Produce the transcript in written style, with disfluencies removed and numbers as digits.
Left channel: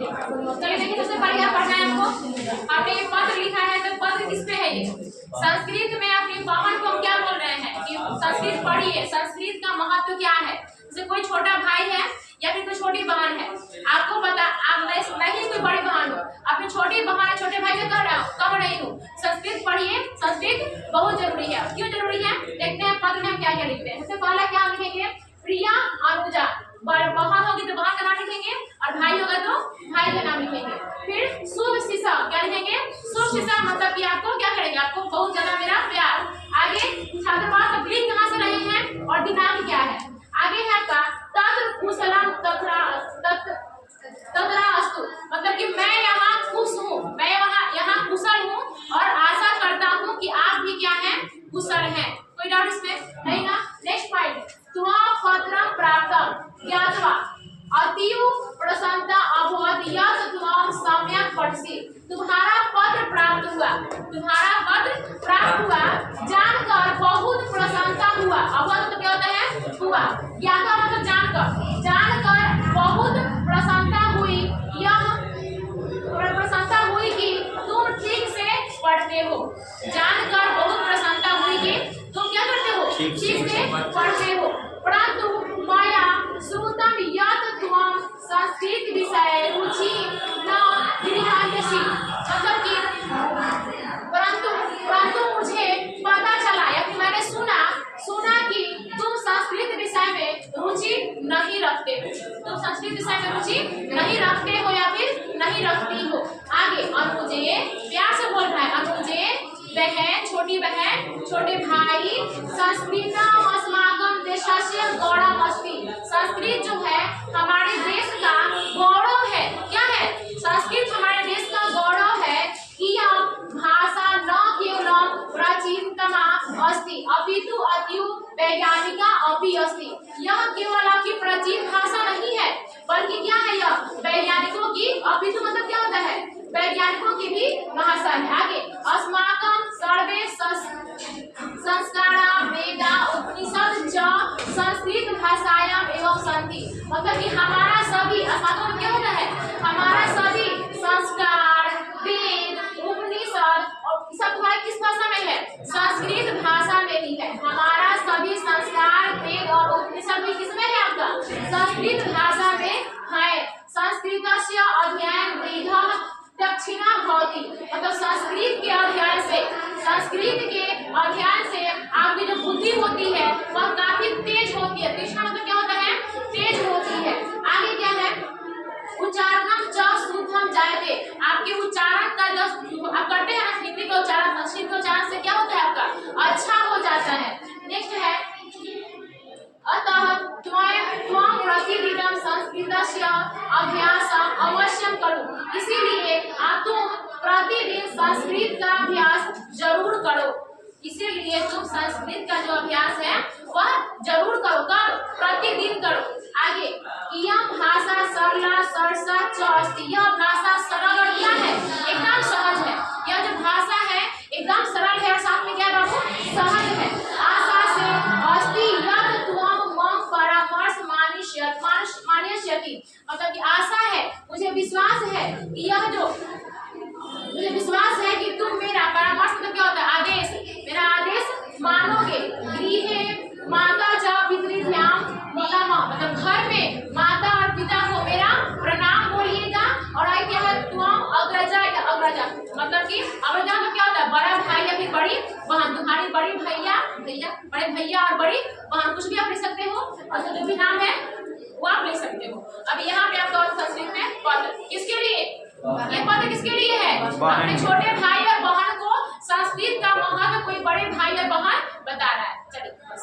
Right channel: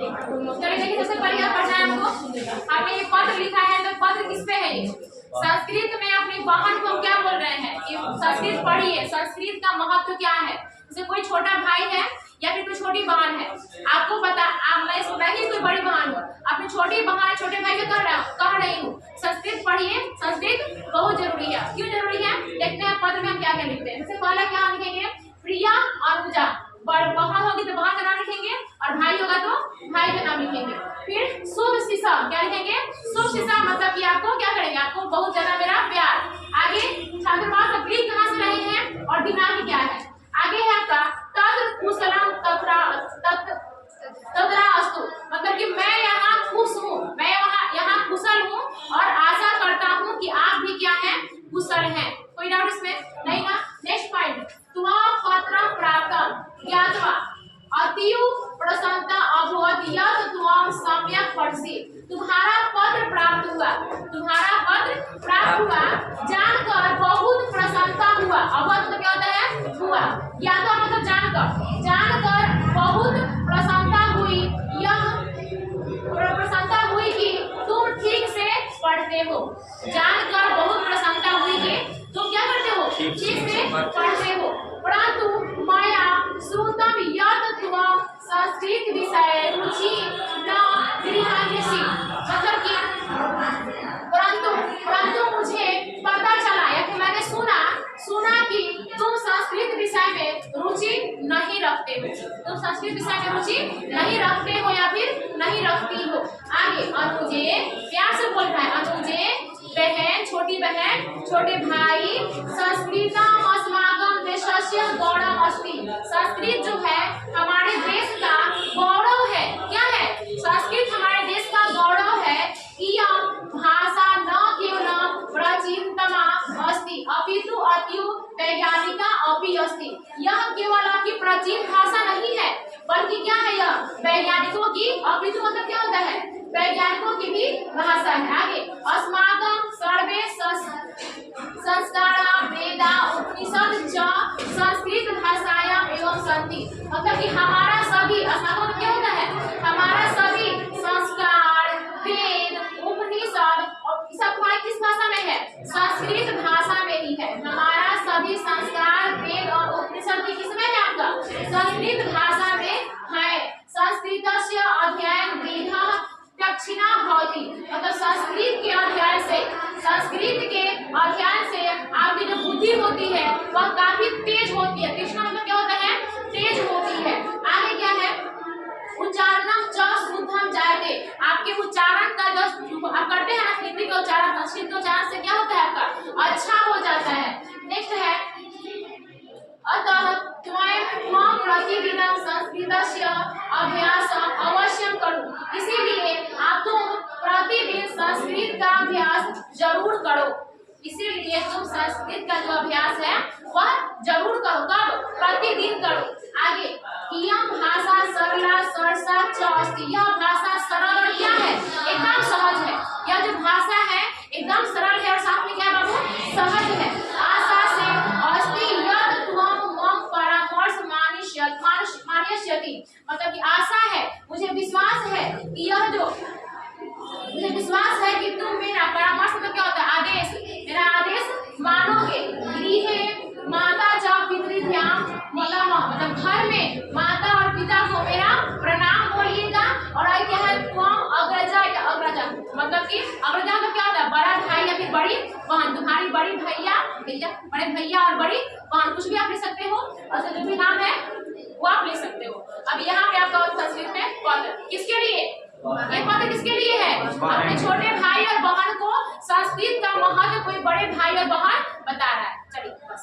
चलिए देखिए, सबसे पहले आप पढ़ना है हमको। आपने ये पत्र लिखा है, तो पत्र किस पे है? ये संस्कृत में अपनी बहन को हम क्या बोल रहे हैं कि संस्कृत पढ़िए। संस्कृत का महत्व क्या है? जैसे कोई छोटा भाई है या फिर कोई छोटी बहन है, आपको पता, मैं ही कोई बड़ी बहन हूँ, अपनी छोटी बहन छोटे भाई को कह रही हूँ संस्कृत पढ़िए। संस्कृत बहुत जरूरी है। क्यों जरूरी है? देखते हैं पत्र में हम क्या क्या लिखते हैं। सबसे पहला क्या लिखेंगे? प्रिया अनुजा। बहन होगी तो बहन का नाम लिखेंगे, और भाई होगा तो भाई का नाम लिखेंगे। फिर शुभ शिशा, क्या लिखेंगे? शुभ शिशा मतलब कि आपको क्या करेंगे? आपको बहुत ज्यादा मेरा प्यार। आगे छात्र पास अब लिख कहाँ से रहे हैं और दिमाग क्या है? आगे है आपका तत्र कुशलम तत्र अस्तु, मतलब कि मैं यहाँ खुश हूँ, मैं यहाँ कुशल हूँ और आशा करता हूँ कि आप भी क्या हैं? कुशल हैं। कोई डाउट इसमें? नहीं ना? नेक्स्ट पॉइंट, तुम्हारा पत्र प्राप्त ज्ञातवा अतीव प्रसन्नता अभवत यत् त्वं सम्यक् पठसि। तुम्हारा पत्र प्राप्त हुआ, तुम्हारा पत्र प्राप्त हुआ जानकर बहुत प्रसन्नता हुआ। अभवत मतलब क्या होता है? हुआ। ज्ञातवा मतलब जानकर बहुत प्रसन्नता हुई। यह प्रसन्नता हुई कि तुम ठीक से पढ़ते हो। जानकर बहुत प्रसन्नता हुई कि तुम क्या करते हो? ठीक से पढ़ते हो। परंतु माया श्रुतम यत् त्वं संस्कृत विषये रुचि न गृह्णासि, मतलब कि परंतु मुझे पता चला या फिर मैंने सुना कि तुम संस्कृत विषय में रुचि नहीं रखते हो। तुम संस्कृत विषय में रुचि नहीं रखते हो या फिर नहीं रखती हो। आगे अनुजे, प्यार से बोल रहा है, अनुजे बहन, छोटी बहन, छोटे भाई, संस्कृतम अस्माकं देशस्य गौरवम् अस्ति। संस्कृत जो है हमारे देश का गौरव है। क्या है? संस्कृत हमारे देश का गौरव है। इयं भाषा न केवलं प्राचीनतमा अस्ति अपितु अतीव वैज्ञानिका अपि अस्ति। यह केवल आपकी प्राचीन भाषा नहीं है, बल्कि क्या है? यह वैज्ञानिकों की, अपितु मतलब क्या होता है? वैज्ञानिकों की भी भाषा है। आगे अस्माकं सर्वे संस्कारा वेदा उपनिषद च संस्कृत भाषायां एवं सन्ति, मतलब कि हमारा सभी, अस्माकं क्या होता है? हमारा सभी संस्कार, वेद, उपनिषद और सब तुम्हारे किस भाषा में है? संस्कृत भाषा में ही है। हमारा सभी संस्कार, वेद और उपनिषद भी किसमें है? आपका संस्कृत भाषा में है। संस्कृतस्य अध्ययन विधः दक्षिणा भवति, मतलब संस्कृत के अध्ययन से आपकी जो बुद्धि होती है वह काफी तेज होती है। तीक्ष्ण मतलब क्या होता है? तेज होती है। आगे क्या है? उच्चारणम च शुद्धम जायते, आपके उच्चारण का जो आप करते हैं ना हिंदी का उच्चारण, संस्कृत के उच्चारण से क्या होता है? आपका अच्छा हो जाता है। नेक्स्ट है अतः त्वं प्रतिदिनं संस्कृतस्य अभ्यासम् अवश्यं करो, इसीलिए आप तुम प्रतिदिन संस्कृत का अभ्यास जरूर करो। इसीलिए तुम संस्कृत का जो अभ्यास है वह जरूर करो। कब? प्रतिदिन करो। आगे इयं भाषा सरला सरसा च अस्ति, यह भाषा सरल और क्या है? एकदम सहज है। यह जो भाषा है एकदम सरल है और साथ में क्या बाबू? सहज है। आशा से अस्ति यत् त्वं मम परामर्श मानयस्यति, मतलब कि आशा है, मुझे विश्वास है कि मुझे विश्वास है कि तुम मेरा परामर्श मतलब क्या होता है? आदेश, मेरा आदेश मानोगे। गृहे माता च पितृभ्यां नमः, मतलब घर में माता और पिता को मेरा प्रणाम बोलिएगा। और आई क्या है? त्वं अग्रजा या अग्रजा, मतलब कि अग्रजा मतलब क्या होता है? बड़ा भाई या फिर बड़ी बहन। तुम्हारी बड़ी बड़े भैया और बड़ी बहन, कुछ भी आप ले सकते हो, और जो भी नाम है वो आप ले सकते हो। अब यहाँ पे आपका संस्कृत में पत्र किसके लिए? ये पत्र किसके लिए है? अपने छोटे भाई और बहन को संस्कृत का महत्व कोई बड़े भाई और बहन बता रहा है। चलिए बस।